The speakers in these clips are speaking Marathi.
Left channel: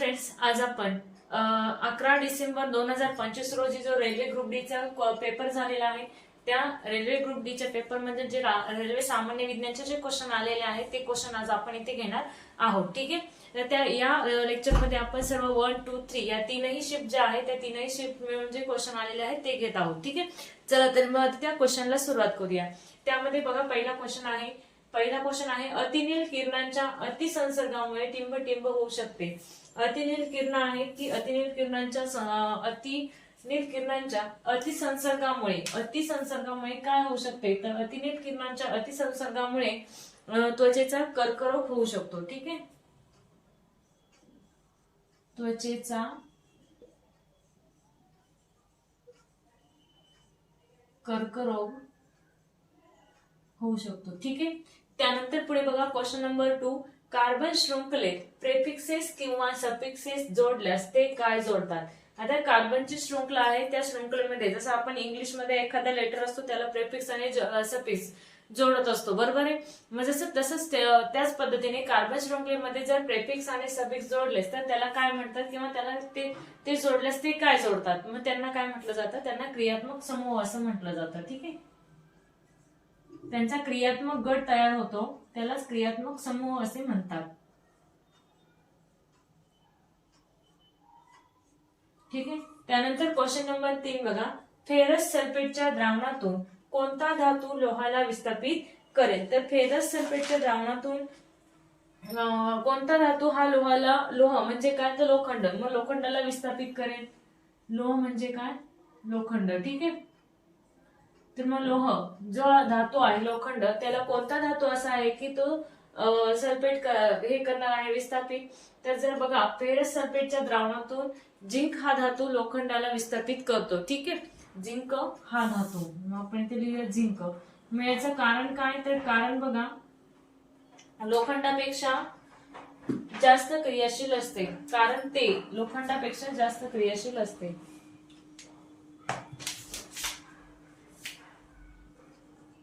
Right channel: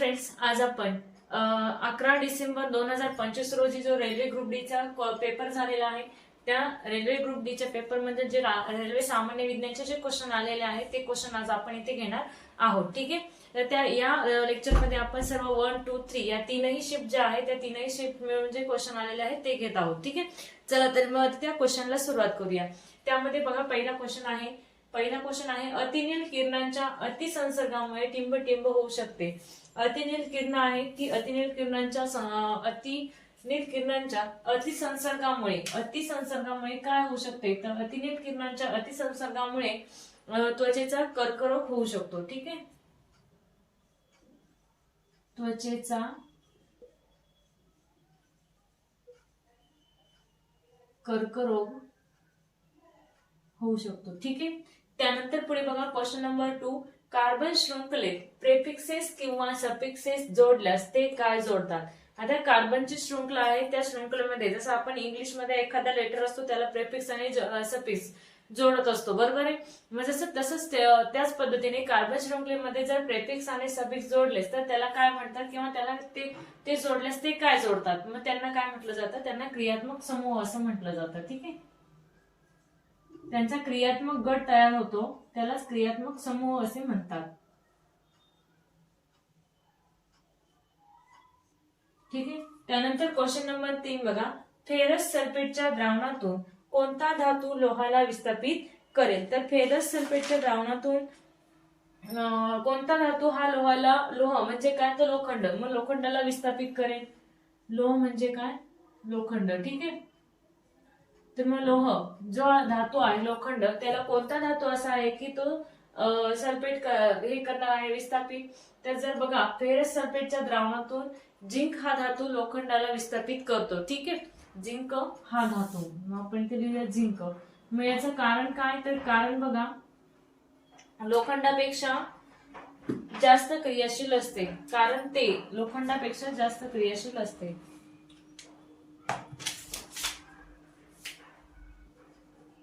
फ्रेंड्स, आज आपण 11 डिसेंबर 2025 रोजी जो रेल्वे ग्रुप डी चा पेपर झालेला आहे त्या रेल्वे ग्रुप डी च्या पेपर मध्ये जे रेल्वे सामान्य विज्ञानचे जे क्वेश्चन आलेले आहेत ते क्वेश्चन आज आपण इथे घेणार आहोत. ठीक आहे. तर त्या या लेक्चर मध्ये आपण सर्व 1, 2, 3 या तीनही शिफ्ट ज्या आहेत त्या तीनही शिफ्ट मिळून जे क्वेश्चन आलेले आहेत ते घेत आहोत. ठीक आहे. चला तर मग त्या क्वेश्चनला सुरुवात करूया. त्यामध्ये बघा पहिला क्वेश्चन आहे अतिनील किरणांच्या अतिसंसर्गामुळे टिंब होऊ शकते. अतिनील किरण आहे की अतिनील किरणांच्या अतिसंसर्गामुळे काय होऊ शकते, तर अतिनील किरणांच्या अतिसंसर्गामुळे त्वचेचा कर्करोग होऊ शकतो. ठीक आहे. त्वचेचा कर्करोग होऊ शकतो. ठीक आहे. त्यानंतर पुढे बघा क्वेश्चन नंबर 2, कार्बन शृंखलेत प्रेफिक्सेस किंवा सफिक्सेस जोडल्यास ते काय जोडतात. आता कार्बनची शृंखला आहे, त्या शृंखलेमध्ये जसं आपण इंग्लिश मध्ये एखादा लेटर असतो त्याला प्रेफिक्स आणि सफिक्स जोडत असतो, बरोबर आहे. मग तसंच त्याच पद्धतीने कार्बन शृंखलेमध्ये जर प्रेफिक्स आणि सफिक्स जोडलेस तर त्याला काय म्हणतात, किंवा त्याला ते जोडल्यास ते काय जोडतात, मग त्यांना काय म्हटलं जातं, त्यांना क्रियात्मक समूह असं म्हटलं जातं. ठीक आहे. त्यांचा क्रियात्मक गट तयार होतो त्यालाच क्रियात्मक समूह असे म्हणतात. ठीक आहे. त्यानंतर क्वेश्चन नंबर 3 बघा, फेरस सल्फेटच्या द्रावणातून कोणता धातू लोहाला विस्थापित करेल. तर फेरस सल्फेटच्या द्रावणातून कोणता धातू हा लोह म्हणजे काय, तर लोखंड, मग लोखंडाला विस्थापित करेल. लोह म्हणजे काय, लोखंड. ठीक आहे. तर मग लोह जो धातू आहे लोखंड, त्याला कोणता धातू असा आहे की तो सल्फेट हे करणार आहे विस्थापित. तर जर बघा फेरस सल्फेटच्या द्रावणातून झिंक हा धातू लोखंडाला विस्थापित करतो. ठीक आहे. झिंक हा धातू, मग आपण इथे लिहूया झिंक. मग याचं कारण काय, तर कारण बघा लोखंडापेक्षा जास्त क्रियाशील असते, कारण ते लोखंडापेक्षा जास्त क्रियाशील असते.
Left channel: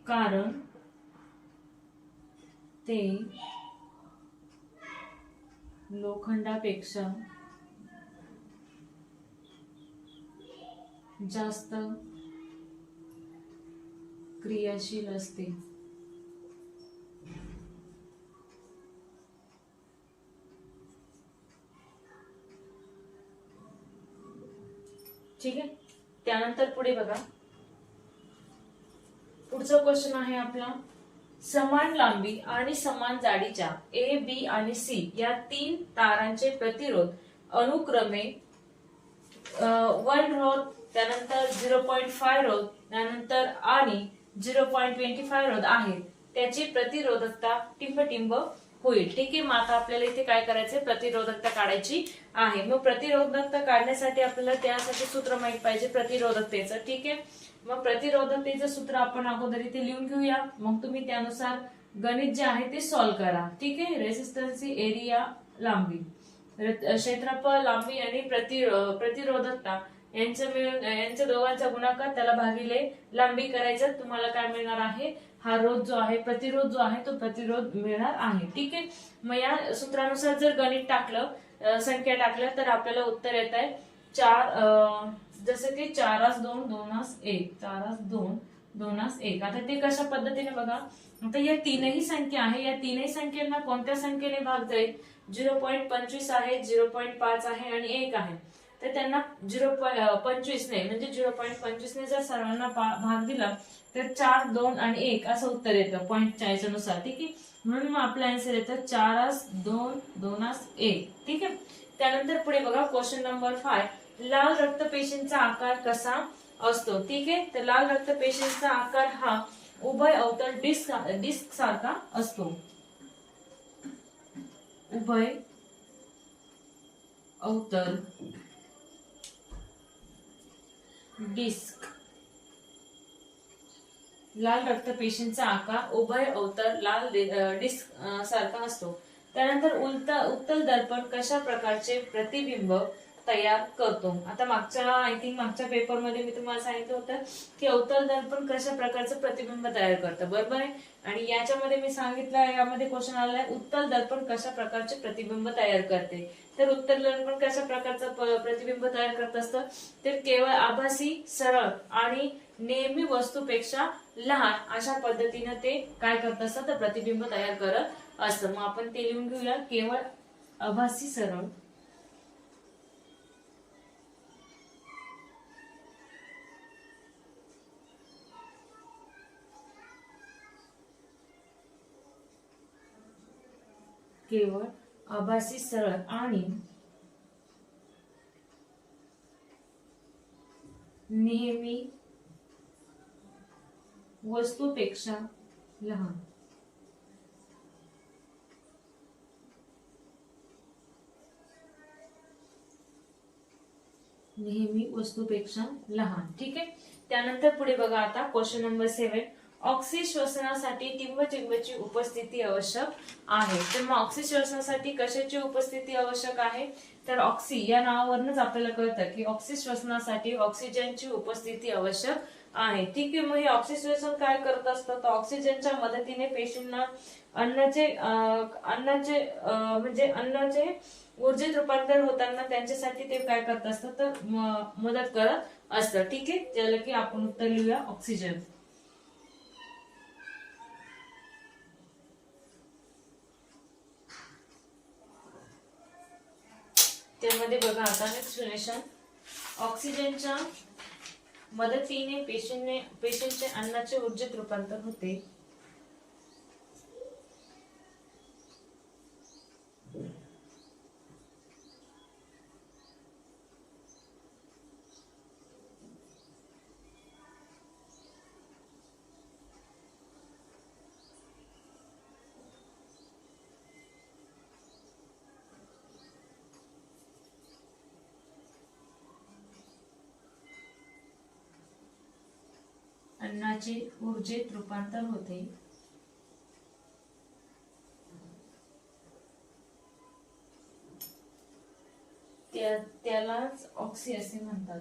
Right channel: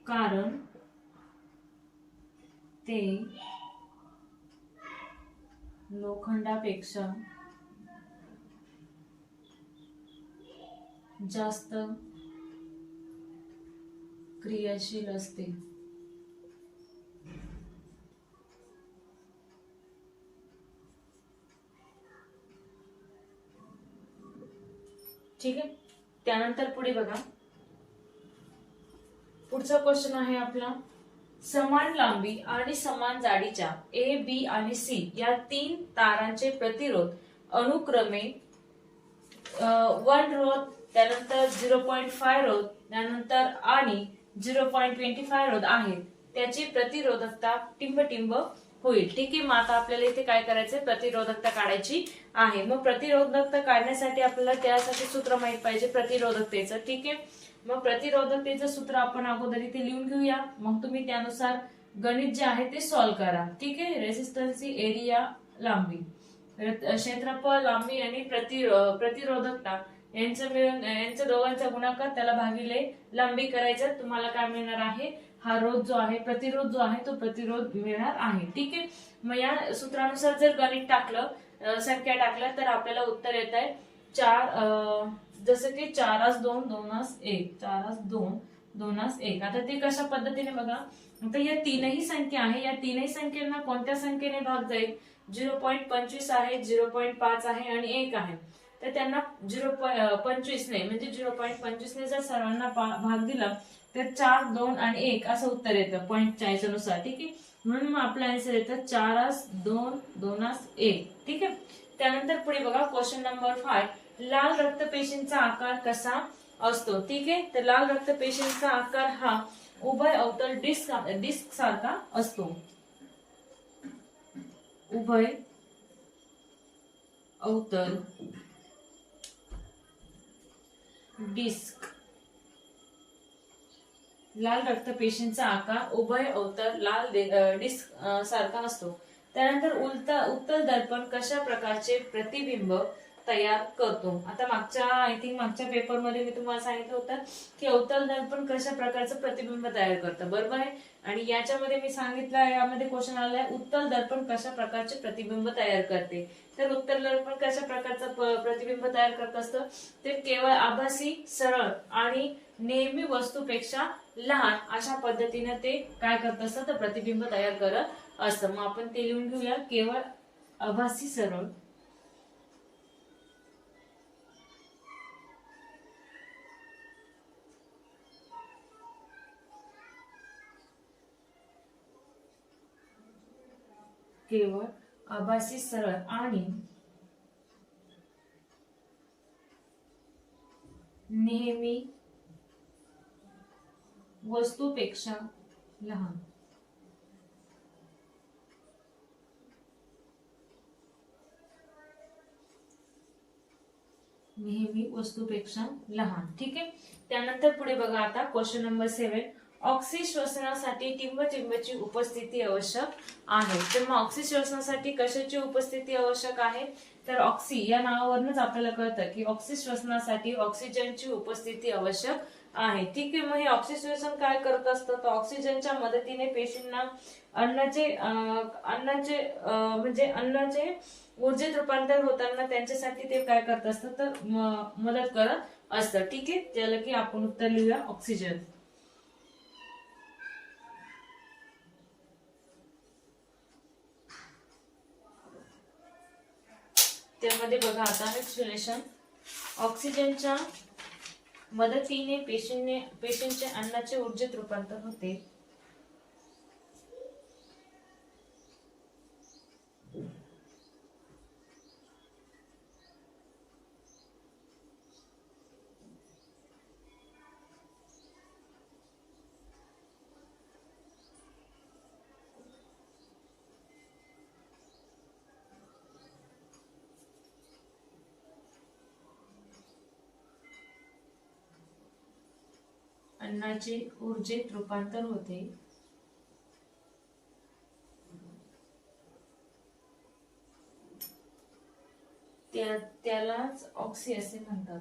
कारण ते लोखंडापेक्षा जास्त क्रियाशील असते. ठीक आहे. त्यानंतर पुढे बघा पुढचा क्वेश्चन आहे आपला, समान लांबी आणि समान जाडीच्या ए, बी आणि सी या 3 तारांचे प्रतिरोध अनुक्रमे 1 रोध, त्यानंतर 0.5 रोध, त्यानंतर आणि 0.25 रोध आहेत. त्याची प्रतिरोधकता टिंब होईल. ठीक आहे. मग आता आपल्याला इथे काय करायचंय, प्रतिरोधकता काढायची आहे. मग प्रतिरोधकता काढण्यासाठी आपल्याला त्यासाठी सूत्र माहित पाहिजे प्रतिरोधकतेचं. ठीक आहे. मग प्रतिरोधकतेचं सूत्र आपण अगोदर इथे लिहून घेऊया, मग तुम्ही त्यानुसार गणित जे आहे ते सॉल्व्ह करा. ठीक आहे. रेसिस्टन्सी, एरिया, लांबी, क्षेत्रफळ, लांबी आणि प्रतिरोधकता यांच्या दोघांचा गुणाकार त्याला भागिले लांबी करायचा. तुम्हाला काय मिळणार आहे, हा रोध जो आहे, प्रतिरोध जो आहे तो प्रतिरोध मिळणार आहे. ठीक आहे. मग या सूत्रानुसार जर गणित टाकलं, संख्या टाकल्या, तर आपल्याला उत्तर येत आहे 4, जसं की 4:2, 2:1, 4:2, 2:1. आता ते कशा पद्धतीने बघा, आता या तीनही संख्या आहे, या तीनही संख्यांना कोणत्या संख्येने भाग जाईल, 0.25 आहे, 0.5 आहे आणि 1 आहे. तर त्यांना 0.25 ने म्हणजे 0.25 ने जर सर्वांना भाग दिला तर 4, 2 आणि 1 असं उत्तर येतं पॉईंटच्या याच्यानुसार. ठीक आहे. म्हणून मग आपला आन्सर येतं 4:2, 2:1. ठीक आहे. त्यानंतर पुढे बघा क्वेश्चन नंबर 5, लाल रक्तपेशींचा आकार कसा असतो. ठीक आहे. तर लाल रक्तपेशींचा आकार हा उभय अवतल डिस्क सारखा असतो. उभय अवतल डिस्क, लाल रक्तपेशींचा आकार उभय अवतल लाल डिस्क सारखा असतो. त्यानंतर उत्तल दर्पण कशा प्रकारचे प्रतिबिंब तयार करतो. आता मागच्या पेपरमध्ये मी तुम्हाला सांगितलं होतं की अवतल दर्पण कशा प्रकारचं प्रतिबिंब तयार करतं, बरोबर आहे. आणि याच्यामध्ये मी सांगितलं, यामध्ये क्वेश्चन आलाय उत्तल दर्पण कशा प्रकारचे प्रतिबिंब तयार करते. तर उत्तल दर्पण कशा प्रकारचं प्रतिबिंब तयार करत असतं, ते केवळ आभासी, सरळ आणि नेहमी वस्तूपेक्षा लहान अशा पद्धतीने ते काय करत असतं, तर प्रतिबिंब तयार करत असतं. मग आपण ते लिहून घेऊया. केवळ आभासी, सरळ केवळ आभासी, सरळ आणि नेहमी वस्तूपेक्षा लहान. नेहमी वस्तूपेक्षा लहान. ठीक आहे. त्यानंतर पुढे बघा आता क्वेश्चन नंबर 7. ऑक्सी श्वसनासाठी टिंबची उपस्थिती आवश्यक आहे. तर मग ऑक्सी श्वसनासाठी कशाची उपस्थिती आवश्यक आहे, तर ऑक्सी या नावावरूनच आपल्याला कळतं की ऑक्सी श्वसनासाठी ऑक्सिजनची उपस्थिती आवश्यक आहे. ठीक आहे. मग हे ऑक्सिजन काय करत असतं, तर ऑक्सिजनच्या मदतीने पेशींना अन्नाचे ऊर्जेत रूपांतर होताना त्यांच्यासाठी ते काय करत असतं, तर मदत करत असतं. ठीक आहे. त्याला की आपण उत्तर लिहूया ऑक्सिजन. त्यामध्ये बघा आता एक्सप्लेनेशन. ऑक्सिजनच्या मदतीने पेशींचे अन्नाचे ऊर्जेत रूपांतर होते. अन्नाचे ऊर्जेत रूपांतर होते. त्यालाच ऑक्सी असे म्हणतात.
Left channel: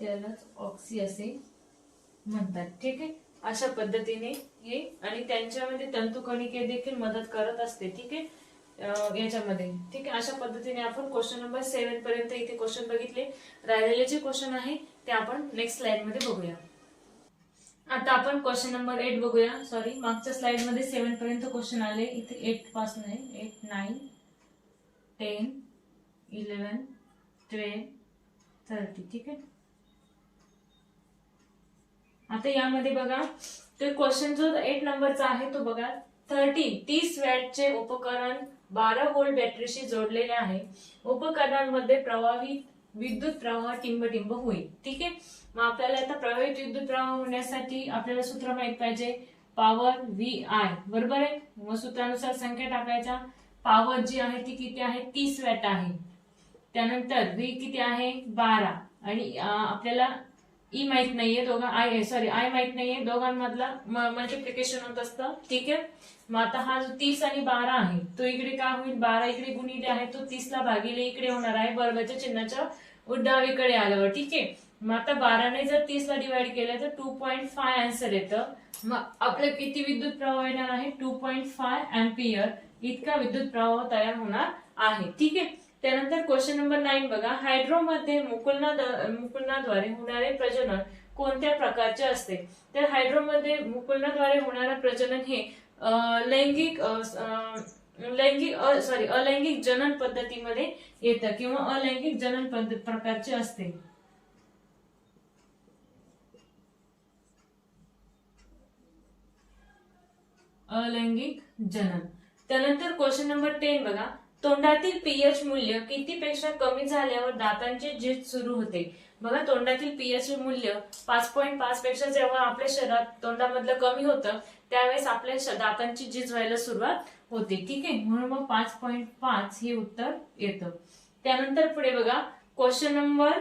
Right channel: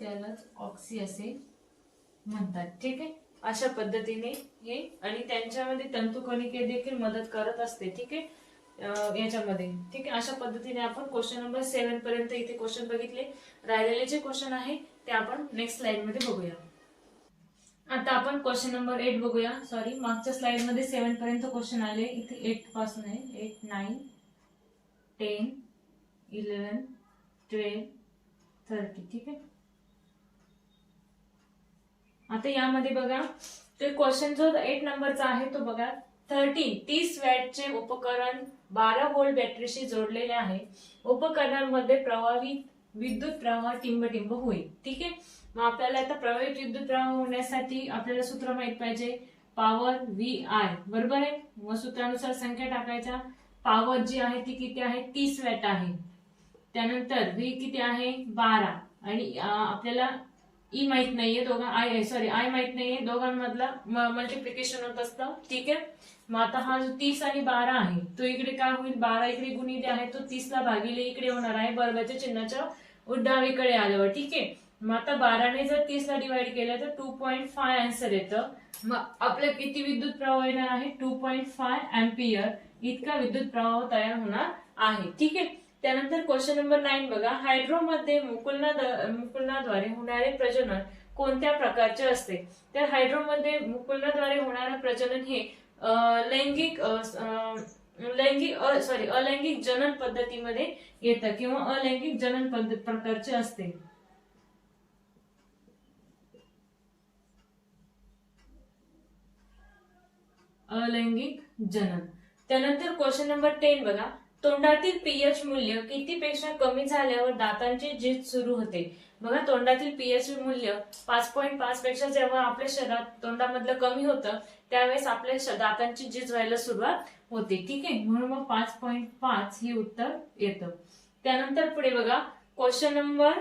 त्यालाच ऑक्सी असे म्हणतात. ठीक आहे. अशा पद्धतीने हे आणि त्यांच्यामध्ये तंतुकणिके देखील मदत करत असते. ठीक आहे. याच्यामध्ये ठीक आहे. अशा पद्धतीने आपण क्वेश्चन नंबर 7 पर्यंत इथे क्वेश्चन बघितले. राहिलेले जे क्वेश्चन आहे ते आपण नेक्स्ट स्लाइड मध्ये बघूया. आता आपण क्वेश्चन नंबर 8 बघूया. सॉरी, मागच्या स्लाइड मध्ये 7 पर्यंत क्वेश्चन आले. इथे 8 पासून आहे. 8, 9, 10, 11, 12, 30. ठीक आहे. आता यामध्ये बघा, तो क्वेश्चन जो 8 नंबरचा आहे तो बघा. 30 वॅटचे उपकरण 12 व्होल्ट बॅटरीशी जोडलेले आहे. उपकरणांमध्ये प्रवाहित विद्युत प्रवाह टिंब होईल. ठीक आहे. मग आपल्याला आता प्रवाहित विद्युत प्रवाह होण्यासाठी आपल्याला सूत्र माहित पाहिजे. पॉवर VI, बरोबर आहे. मग सूत्रानुसार संख्या टाकायच्या. पॉवर जी आहे ती किती आहे, 30 वॅट आहे. त्यानंतर V किती आहे, 12. आणि आपल्याला ई माहित नाहीये, आय माहित नाहीये, दोघांमधला मल्टिप्लिकेशन होत असतं. ठीक आहे. मग आता हा जो 30 आणि 12 आहे तो इकडे काय होईल, 12 इकडे गुणिले आहे तो 30 ला भागिले इकडे होणार आहे वर्गाच्या चिन्हाच्या डावीकडे आल्यावर. ठीक आहे. मग आता 12 ने जर 30 ला डिवाइड केलं तर 2.5 आन्सर येतं. मग आपल्याला किती विद्युत प्रवाह येणार आहे, 2.5 अँपियर इतका विद्युत प्रवाह तयार होणार आहे. ठीक आहे. त्यानंतर क्वेश्चन नंबर 9 बघा. हायड्रोमध्ये मुकुलनाद्वारे होणारे प्रजनन कोणत्या प्रकारचे असते. तर हायड्रोमध्ये मुकुलनाद्वारे होणारे प्रजनन हे अलैंगिक जनन पद्धतीमध्ये येतं किंवा अलैंगिक जनन पद्धत प्रकारचे असते. अलैंगिक जनन. त्यानंतर क्वेश्चन नंबर 10 बघा. तोंडातील पीएच मूल्य किती पेक्षा कमी झाल्यावर दातांची झीज सुरू होते. बघा, तोंडातील पीएच मूल्य 5.5 पेक्षा जेव्हा आपल्या शरीरात तोंडामधलं कमी होतं त्यावेळेस आपल्या दातांची झीज व्हायला सुरुवात होते. ठीक आहे. म्हणून मग 5.5 हे उत्तर येतं. त्यानंतर पुढे बघा क्वेश्चन नंबर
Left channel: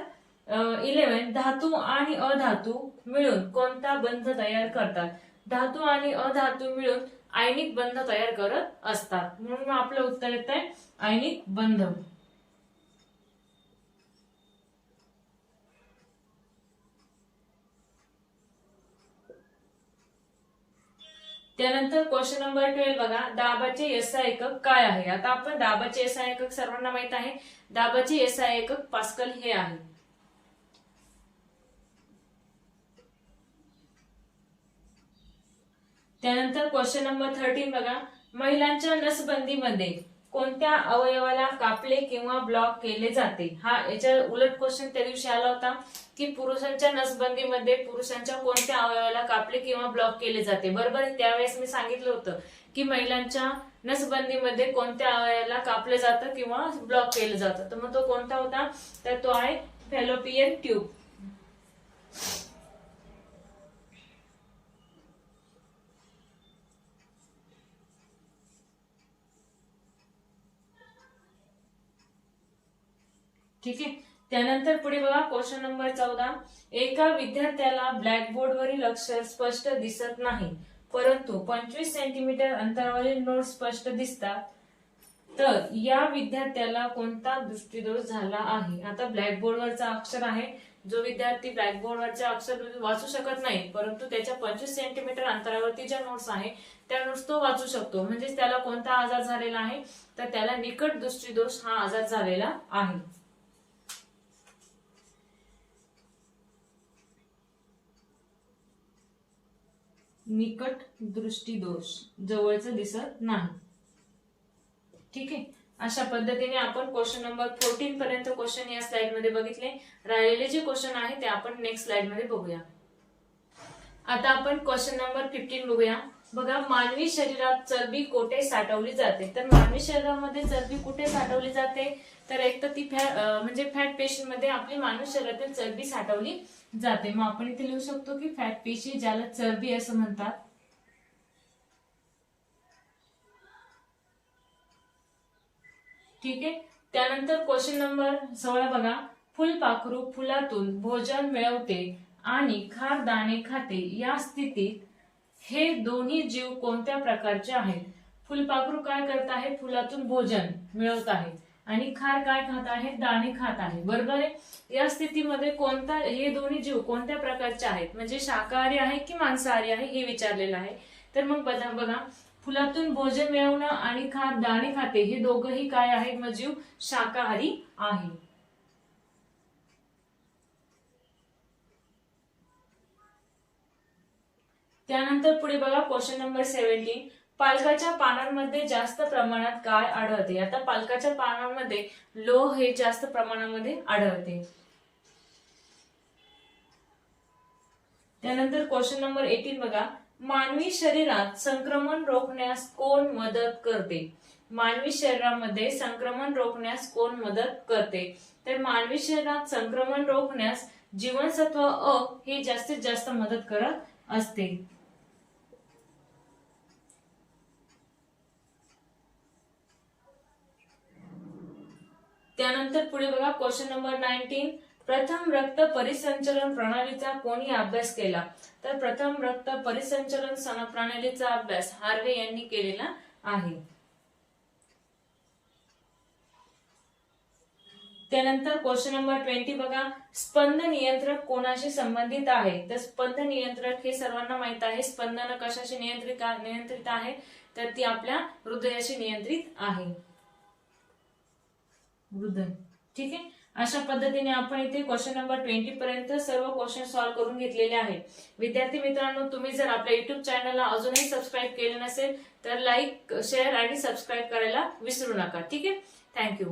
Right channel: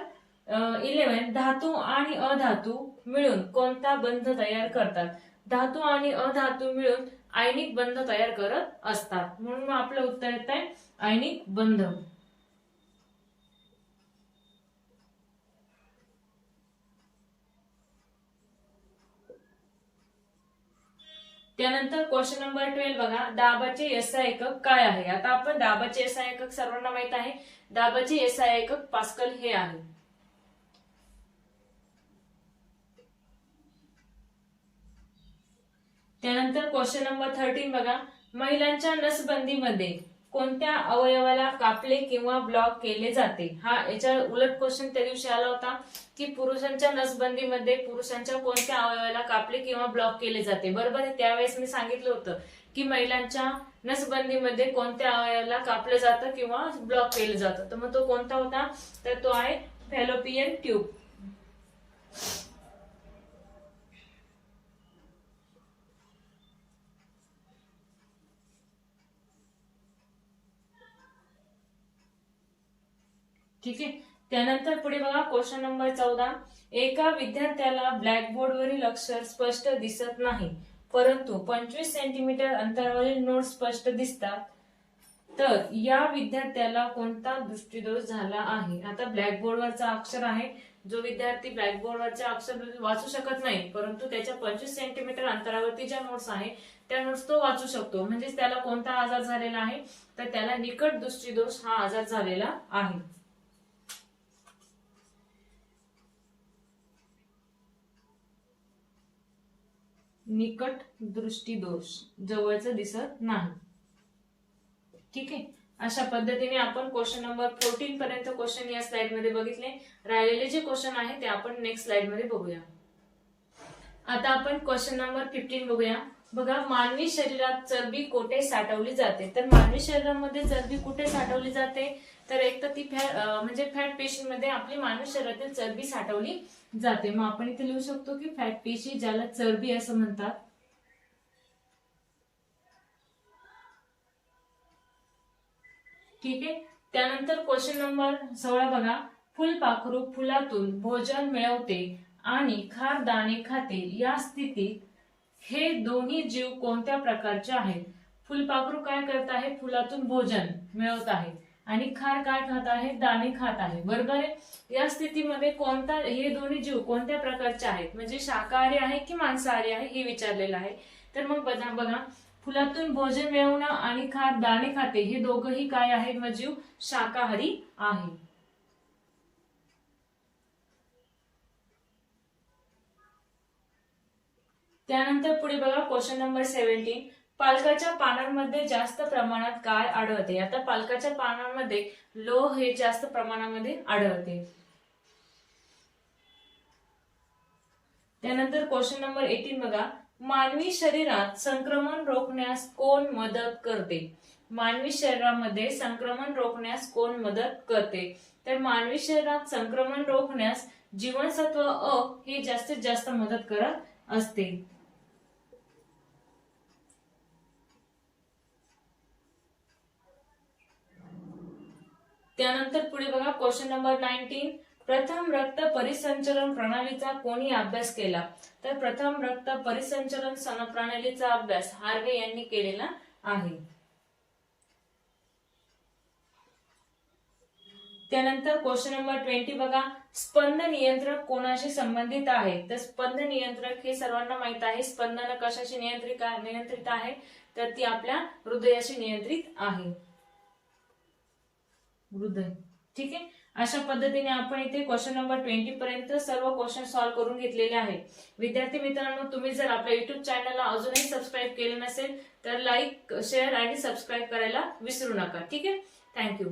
11 धातू आणि अधातू मिळून कोणता बंध तयार करतात? धातू आणि अधातू मिळून आयनिक बंध तयार करत असतात, म्हणून मग आपलं उत्तर येत आहे आयनिक बंध. त्यानंतर क्वेश्चन नंबर 12 बघा, दाबाचे एसआय एकक काय आहे? आता आपण दाबाचे एसआय एकक सर्वांना माहित आहे, दाबाचे एसआय एकक पास्कल हे आहे. त्यानंतर क्वेश्चन नंबर 13 बघा, महिलांच्या नसबंदीमध्ये कोणत्या अवयवाला कापले किंवा ब्लॉक केले जाते? हा याच्या उलट क्वेश्चन त्या दिवशी आला होता की पुरुषांच्या नसबंदीमध्ये पुरुषांच्या कोणत्या अवयवाला कापले किंवा ब्लॉक केले जाते. बरोबर, त्यावेळेस मी सांगितलं होतं की महिलांच्या नसबंदीमध्ये कोणत्या अवयवाला कापलं जातं किंवा ब्लॉक केलं जातं, तर मग तो कोणता होता? तर तो आहे फॅलोपियन ट्यूब. ठीक आहे. त्यानंतर पुढे बघा क्वेश्चन नंबर 14, एका विद्यार्थ्याला ब्लॅकबोर्डवरील अक्षर स्पष्ट दिसत नाही परंतु 25 सेंटीमीटर अंतरावरील नोट स्पष्ट दिसतात, तर या विद्यार्थ्याला कोणता दृष्टिदोष झाला आहे? आता ब्लॅकबोर्डवरचा अक्षर आहे, जो विद्यार्थी ब्लॅकबोर्डवरचा अक्षर वाचू शकत नाही परंतु त्याच्या 25 सेंटीमीटर अंतरावरती ज्या नोट्स आहे त्या नोट्स तो वाचू शकतो, म्हणजे त्याला कोणता आजार झालेला आहे? तर त्याला निकट दृष्टिदोष हा आजार झालेला आहे. निकट दृष्टिदोष, जवळचं दिसत नाही. ठीक आहे. अशा पद्धतीने आपण क्वेश्चन नंबर 14 पर्यंत क्वेश्चन या स्लाइड मध्ये बघितले. राहिलेले जे क्वेश्चन आहे ते आपण नेक्स्ट स्लाइड मध्ये बघूया. आता आपण क्वेश्चन नंबर 15 बघूया. बघा, मानवी शरीरात चरबी कोठे साठवली जाते? तर मानवी शरीरामध्ये चरबी कुठे साठवली जाते? तर एक तर ती म्हणजे फॅट पेशींमध्ये आपली मानवी शरीरातील चरबी साठवली जाते. मग आपण इथे लिहू शकतो की फॅट पेशी, ज्याला चरबी असं म्हणतात. ठीक आहे. त्यानंतर क्वेश्चन नंबर 16 बघा, फुलपाखरू फुलातून भोजन मिळवते आणि खार दाणे खाते, या स्थितीत हे दोन्ही जीव कोणत्या प्रकारचे आहेत? फुलपाखरू काय करत आहे? फुलातून भोजन मिळवत आहे आणि खार काय खात आहे? दाणे खात आहे. बरोबर आहे. या स्थितीमध्ये कोणता, हे दोन्ही जीव कोणत्या प्रकारचे आहेत? म्हणजे शाकाहारी आहे की मांसाहारी आहे हे विचारलेलं आहे. तर मग बघा, फुलातून भोजन मिळवणं आणि खार दाणे खाते हे दोघंही काय आहेत? मग जीव शाकाहारी आहे. त्यानंतर पुढे बघा क्वेश्चन नंबर 17, पालकाच्या पानांमध्ये जास्त प्रमाणात काय आढळते? आता पालकाच्या पानांमध्ये लोह हे जास्त प्रमाणामध्ये आढळते. त्यानंतर क्वेश्चन नंबर 18 बघा, मानवी शरीरात संक्रमण रोखण्यास कोण मदत करते? मानवी शरीरामध्ये संक्रमण रोखण्यास कोण मदत करते? तर मानवी शरीरात संक्रमण रोखण्यास जीवनसत्व अ हे जास्तीत जास्त मदत करत असते. त्यानंतर पुढे बघा क्वेश्चन नंबर 19, प्रथम रक्त परिसंचरण प्रणालीचा कोणी अभ्यास केला? तर प्रथम रक्त परिसंचरण प्रणालीचा अभ्यास हार्वे यांनी केलेला आहे. त्यानंतर क्वेश्चन नंबर 20 बघा, स्पंद नियंत्रक कोणाशी संबंधित आहे? तर स्पंद नियंत्रक हे सर्वांना माहित आहे. स्पंदन कशाशी नियंत्रित आहे? तर ती आपल्या हृदयाशी नियंत्रित आहे. हृदय. ठीक आहे. अशा पद्धतीने आपण इथे क्वेश्चन नंबर 20 पर्यंत सर्व क्वेश्चन सॉल्व्ह करून घेतलेले आहेत. विद्यार्थी मित्रांनो, तुम्ही जर आपल्या युट्यूब चॅनलला अजूनही सबस्क्राईब केलं नसेल तर लाईक, शेअर आणि सबस्क्राईब करायला विसरू नका. ठीक आहे. थँक्यू.